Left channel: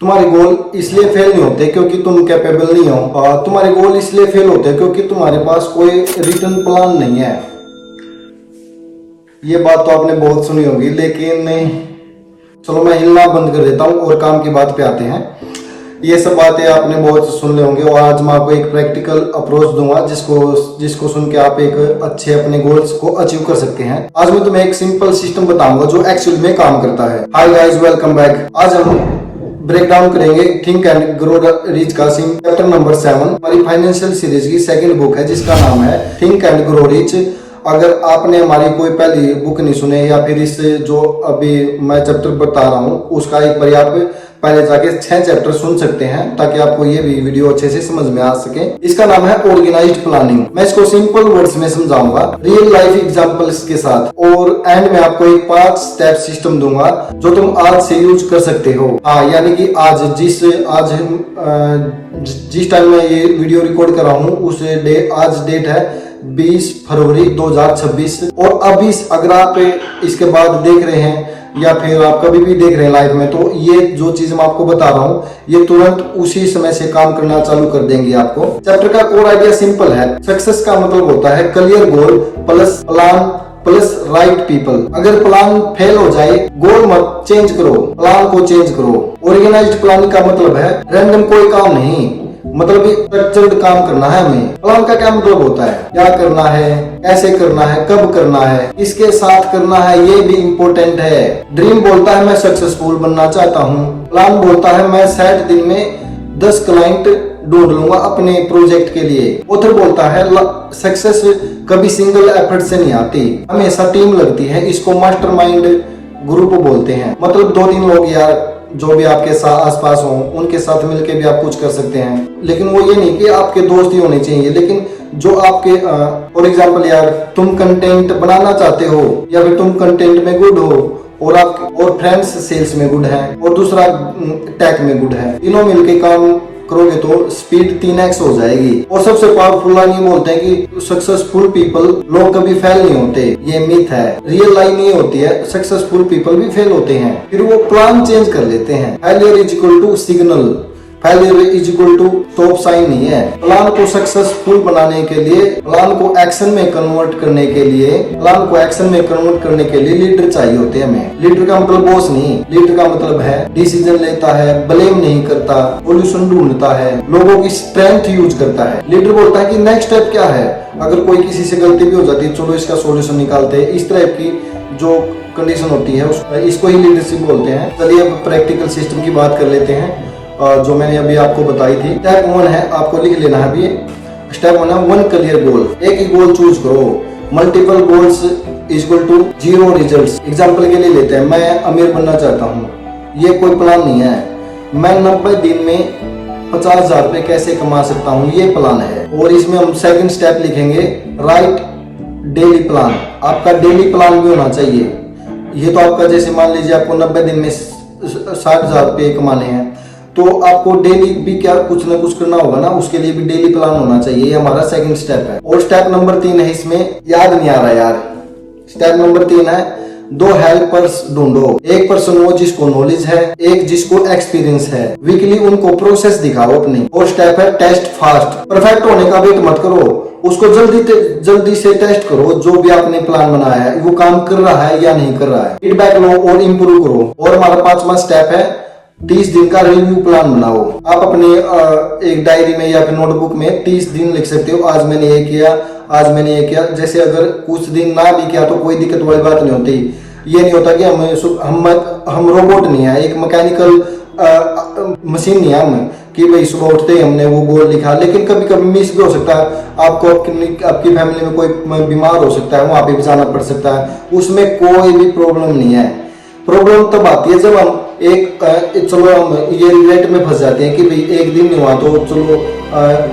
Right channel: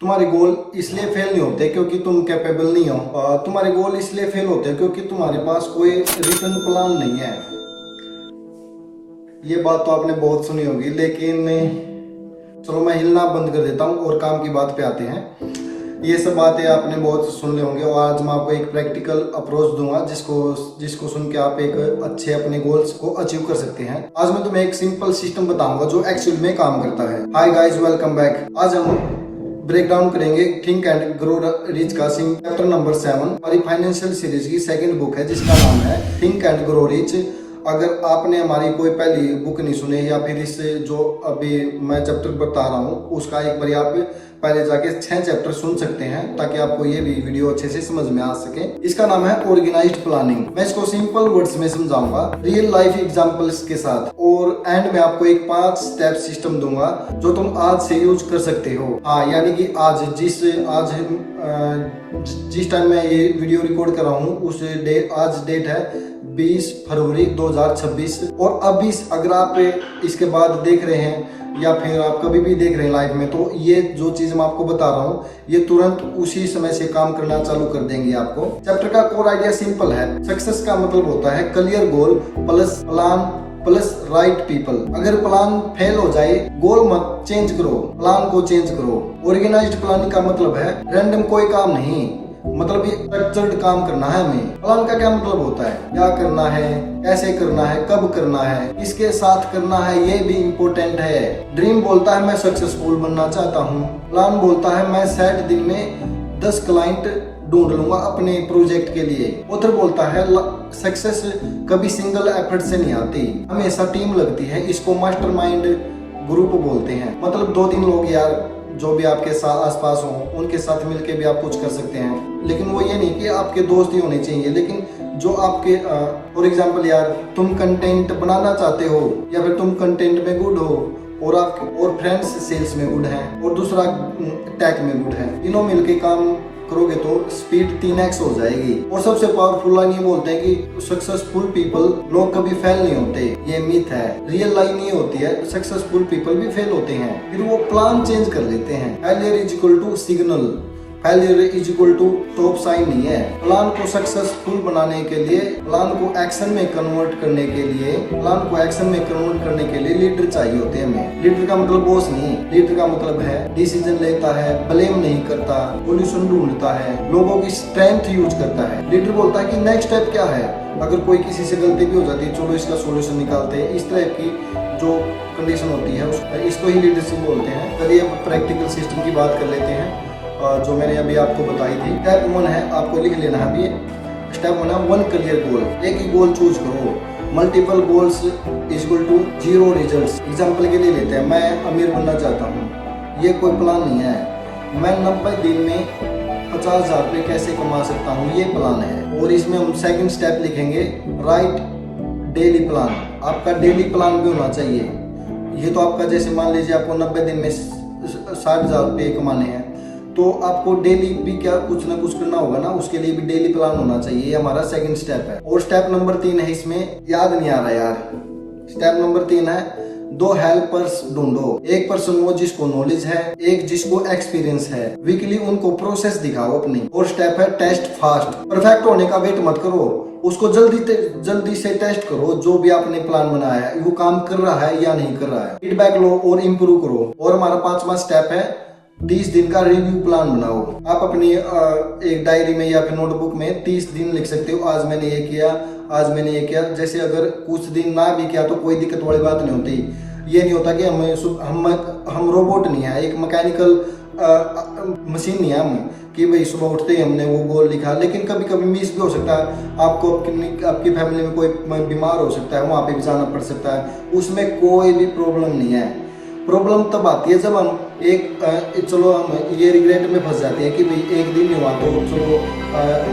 तुम्हारे गोल इसलिए फेल नहीं होते क्योंकि तुम कैपेबल नहीं हो। तुम्हारे गोल इसलिए फेल होते हैं क्योंकि तुम्हारे पास कोई रिटर्न प्लान नहीं है। ये बात तो आपने बहुत सुनी होगी, लेकिन चलो मैं हिलना बंद कर देता हूँ और काम की बात पे आते हैं। ये सब बातें आपने बहुत सुन ले होंगे और आज मैं आपको एक प्रैक्टिकल अप्रोच दूंगा जिसको सुन के आप एक अच्छे अपने गोल्स को अचीव कर सकते हैं। आज मैं तुम्हें एक सिंपल सिस्टम बताऊंगा जो एक्चुअली में काम करता है। Hi guys, welcome back. आज हम ब्रेक डाउन करेंगे थिंक एंड ग्रो रिच का चैप्टर नंबर 7। हमारी फाइनेंशियल सीरीज की सेकंड बुक है जिसका नाम है थिंक एंड ग्रो रिच। अगर आपने हमारी कोई पहली बुक नहीं सुने या फिर इस जो अभी मैं चैप्टर बता रहा हूँ उसका एक बार आप पहले जाके 6 चैप्टर सुन सकते हैं ताकि आपको ये भी वीडियो अच्छे से समझ में आ सके। इसका नाम है ऑर्गेनाइज्ड प्लानिंग। मैं इसको सिंपल वर्ड्स में समझाऊंगा रियल लाइफ एग्जांपल्स के साथ और एंड में आपको एक 5 स्टेप सिस्टम दूंगा जो तुम आज से यूज कर सकते हो। हाँ, यानी कि आज जिस टाइम मैं ये वीडियो रिकॉर्ड कर रहा हूँ आज डेट है 20 फरवरी 2026 और अभी अगर आप इसके बाद देख रहे हैं या फिर आप कभी भी देख रहे हैं लाइफ में, तो ये जो चीज मैं आपको बता रहा हूँ ये तुरंत उसी समय से काम करना चालू कर देंगे आपको। चैप्टर का कोर आइडिया सिंपल है। सक्सेस का मतलब होता है clear goal plus plan plus right people. अगर प्लान फेल हो जाए गोल मत चेंज करो, प्लान को चेंज करो। ऑर्गेनाइज्ड प्लानिंग का मतलब है रैंडम कोई काम नहीं, मतलब स्ट्रक्चर्ड काम करना है हमें। प्लान का क्या मतलब होता है, क्या करना है, कैसे करना है, कब करना है, किसके साथ करना है, ये भी इम्पोर्टेंट है। ड्रीम बोलता है मैं सक्सेसफुल बनना चाहता हूँ। प्लान बोलता है मैं 60 दिन में 10 क्लाइंट ढूंढ लूंगा अपने प्रोजेक्ट के लिए। ऑथर बोलता है सक्सेस कभी सिंगल एफर्ट से नहीं आती, हमेशा टीम लगती है। इसको मास्टरमाइंड ग्रुप बोलते हैं। मतलब 2-3 लोग यार जो भी आपके साथ आसपास हो उनके साथ मिलके भी आप कुछ कर सकते हैं, लेकिन वो ये नहीं कि आपके दोस्त ही होने चाहिए, लेकिन जो आपके फॉर एग्जांपल यार तुम कंटेंट बनाना चाहते हो या फिर तुम कंटेंट में गुड हो और फ्रेंड्स सेल्स में गुड है और दूसरा टेक में गुड है, तीनों मिलके काम करोगे तो स्पीड 3x हो जाएगी। और सबसे पावरफुल लाइन ये बोलते हैं कि सक्सेसफुल पीपल लोग कभी फेल नहीं होते, ये मिथ है। रियल लाइन ये होती है सक्सेसफुल पीपल भी फेल होते हैं, फिर वो प्लान चेंज कर लेते हैं। Failure is equal to signal, failure is equal to stop sign नहीं है। प्लान को सक्सेसफुल बनाने के लिए, प्लान को एक्शन में कन्वर्ट करने के लिए लीडर चाहिए होते हैं हमें। लीडर का मतलब बॉस नहीं, लीडर का मतलब है डिसीजन लेता है, ब्लेम नहीं करता, सॉल्यूशन ढूंढता है, लोगों की स्ट्रेंथ यूज करता है। लीडर बोलता है कि नेक्स्ट स्टेप क्या है, अगर कोई किसी से गलती भी हो जाती है चलो इसका सॉल्यूशन निकालते हैं। इस तरह की जो कंडीशन होती है इसको ही लीडरशिप बोलते हैं। चलिए अब प्रैक्टिकल सिस्टम की बात कर लेते हैं जो मैंने अभी आपको बताई थी। स्टेप 1 है, आपको लिख लेना है अभी। स्टेप 1 है 1 क्लियर गोल। एक ही गोल चूज करो। Multiple goals equal to 0 results. Example के लिए लेते हैं, मैं अमीर बनना चाहता हूँ, ये कोई प्लान नहीं है। मैं 90 दिन में 50,000 रुपए कैसे कमा सकता हूँ, ये प्लान है। और इसमें हम सेकंड स्टेप लिखेंगे राइट डेली प्लान। आपका डेली प्लान भी होना चाहिए। ये तो आपका जैसे मान लीजिए आपको 90 दिन में 60,000 रुपए कमाने हैं तो आपको डेली भी क्या कुछ ना कुछ करना होगा ना, उसके लिए भी डेली प्लान होना चाहिए। ये हमारा सेकंड स्टेप है। और स्टेप नंबर 3 है, इसमें याद नहीं आ रहा यार। स्टेप नंबर 3 है 2 हेल्पर्स ढूंढो। एक पर्सन वो जिसको नॉलेज है, एक जिसको एक्सपीरियंस है। वीकली उनको प्रोसेस दिखाओ अपनी। और स्टेप है टेस्ट फास्ट। परफेक्ट होने का वेट मत करो, उसको जल्दी से टेस्ट करो। जो भी आपने प्लान बनाया है वो काम कर रहा है या नहीं कर रहा है, फीडबैक लो और इम्प्रूव करो। और हमारा 5वां स्टेप है 30 दिन का रिव्यू प्लान बनाओ। आप अपने एक डायरी में या फिर नोटबुक में 30 दिन लिख सकते हो, आज मैंने ये किया, आज मैंने ये किया। जैसे अगर कुछ दिन ना भी किया तो कोई दिक्कत वाली बात नहीं होती। ये नहीं होता कि हम रोबोट नहीं है, एक मैकेनिकल मशीन नहीं है हम कि भाई सुबह उठते ही हमने वो गोल लिखा। लेकिन कभी कभी मिस भी हो सकता है, आपकी फैमिली में कोई बीमार हो सकता है, वहां पे भी जाना पड़ सकता है, उसमें कोई भी प्रॉब्लम नहीं है। प्रॉब्लम तब आती है जब हम चलो हम ये रिग्रेट में फंस जाते हैं कि भाई एक दिन नहीं हुआ तो चलो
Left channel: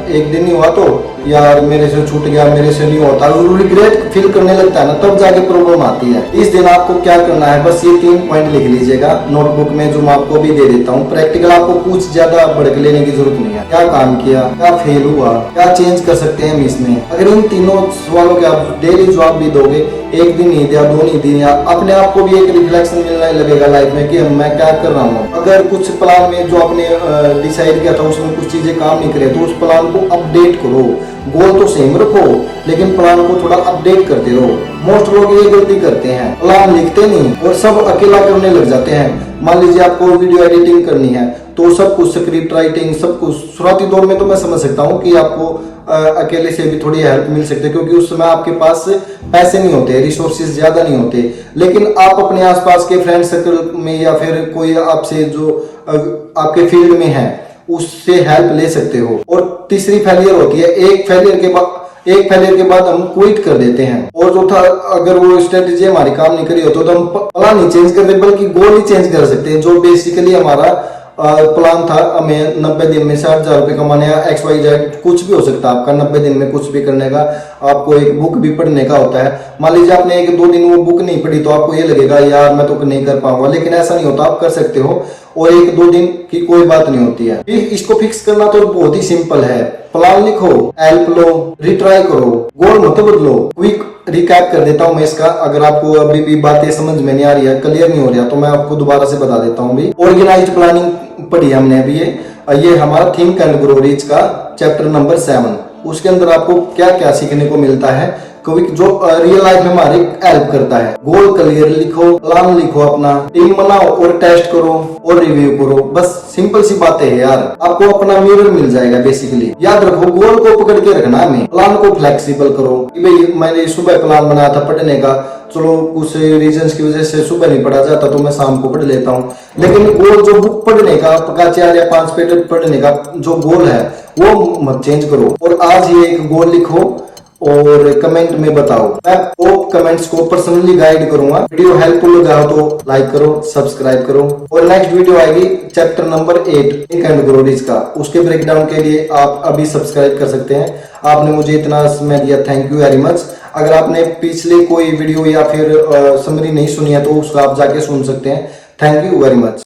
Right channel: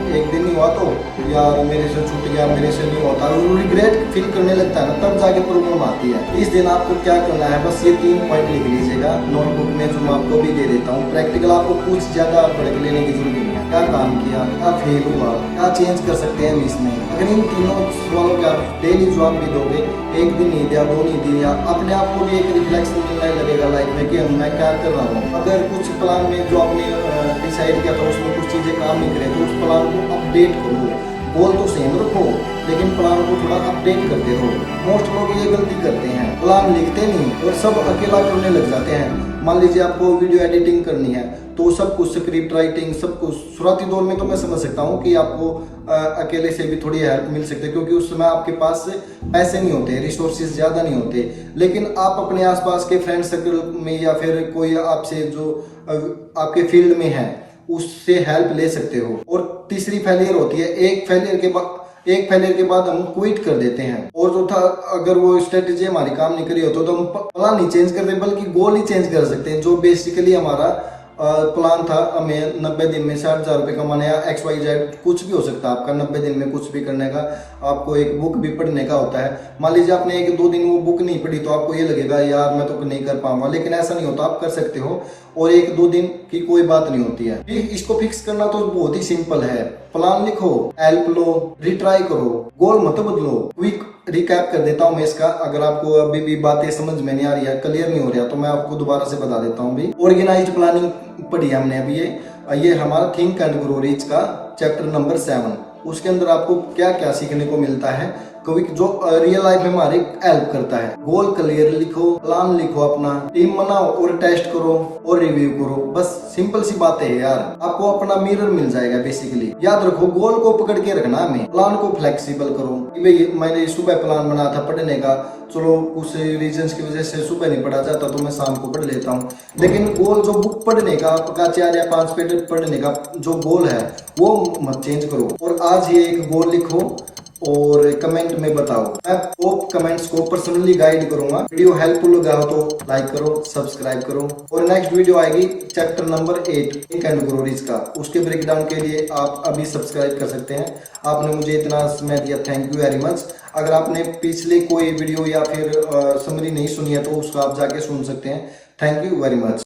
एक दिन नहीं हुआ तो यार मेरे से छूट गया, मेरे से नहीं होता, रिग्रेट फील करने लगता है ना, तब जाके प्रॉब्लम आती है। इस दिन आपको क्या करना है, बस ये 3 पॉइंट लिख लीजिएगा नोटबुक में, जो मैं आपको भी दे देता हूँ। प्रैक्टिकल आपको कुछ ज्यादा भड़क लेने की जरूरत नहीं है। क्या काम किया, क्या फेल हुआ, क्या चेंज कर सकते हैं हम इसमें। अगर इन तीनों सवालों के आप डेली जवाब भी दोगे एक दिन नहीं दिया, 2 नहीं दिया, अपने आप को भी एक रिफ्लेक्शन मिलने लगेगा लाइफ में कि मैं क्या कर रहा हूँ। अगर कुछ प्लान में जो आपने डिसाइड किया था उसमें कुछ चीजें काम नहीं करे तो उस प्लान को अपडेट करो। गोल तो सेम रखो लेकिन प्लान को थोड़ा अपडेट करते रहो। मोस्ट लोग ये गलती करते हैं, प्लान लिखते नहीं और सब अकेला करने लग जाते हैं। मान लीजिए आपको वीडियो एडिटिंग करनी है तो सब कुछ स्क्रिप्ट राइटिंग सब कुछ शुरुआती दौर में तो मैं समझ सकता हूँ कि आपको अकेले से भी थोड़ी हेल्प मिल सकती है, क्योंकि उस समय आपके पास पैसे नहीं होते, रिसोर्सेज ज्यादा नहीं होते। लेकिन आप अपने आसपास के फ्रेंड सर्कल में या फिर कोई आपसे जो आपके फील्ड में है उससे हेल्प ले सकते हो। और तीसरी फेलियर होती है, एक फेलियर के बाद हम क्विट कर देते हैं। और जो था, अगर वो स्ट्रेटेजी हमारी काम नहीं करी हो तो हम प्लान नहीं चेंज करते बल्कि गोल ही चेंज कर सकते हैं। जो बेसिकली हमारा प्लान था हमें 90 दिन में 60,000 रुपए कमाने का, XYZ कुछ भी हो सकता है आपका 90 दिन में कुछ भी करने का। आपको एक बुक भी पढ़ने का होता है। मान लीजिए आपने 1-2 दिन वो बुक नहीं पढ़ी तो आपको ये लगेगा यार मैं तो नहीं कर पाऊंगा, लेकिन ऐसा नहीं होता, आप कर सकते हो और 1-2 दिन की कोई बात नहीं होती है। इसको फिक्स करना तो बहुत ही सिंपल है। प्लान लिखो, हेल्प लो, रिट्राई करो, गोल मत बदलो। क्विक रिकैप कर देता हूं मैं इसका, अगर आपको अभी भी बातें समझ में नहीं आ रही है, क्लियर नहीं हो रहा तो मैं आपको दोबारा से बता देता हूं। भी ऑर्गेनाइज्ड प्लानिंग पढ़ी हमने अभी, ये हमारा थिंक एंड ग्रो रिच का चैप्टर नंबर 7। उसके अंदर आपको क्या क्या सीखने को मिलता है जो रियल लाइफ में हमारी हेल्प करता है। गोल क्लियर लिखो, प्लान लिखो, अपना टीम बनाओ और टेस्ट करो और रिव्यू करो। बस सिंपल सी बातें है यार, आपको अपना मिरर मिल जाएगा। बेसिकली याद रखो, गोल को पकड़ के रखना है, प्लान को फ्लेक्सिबल करो कि भाई मैंने सुबह प्लान बनाया था पढ़ने का, चलो कुछ रीजंस की वजह से सुबह नहीं पढ़ा जाता तो मैं शाम को पढ़ लेता हूँ। लेकिन गोल जो बुक पढ़ने का, आपका 4 या 5 पेज पढ़ने का जो गोल है वो मत चेंज करो। और आज ये एक गोल लिखो और कमेंट में बताओ। मैं वो कमेंट्स को पर्सनली गाइड करूंगा। वीडियो हेल्पफुल लगा हो तो लाइक करो, सब्सक्राइब करो। और नेक्स्ट वीडियो आएगी chapter number 8 think and grow rich का। उसके ब्रेकडाउन के लिए आप अभी सब्सक्राइब कर सकते हैं। आपने मुझे इतना समय दिया, थैंक यू वेरी मच। अगर आपने पिछले कोई वीडियो या फिर समरी नहीं सुनी है तो उसको आप जाके सुन सकते हैं। Thank you very much.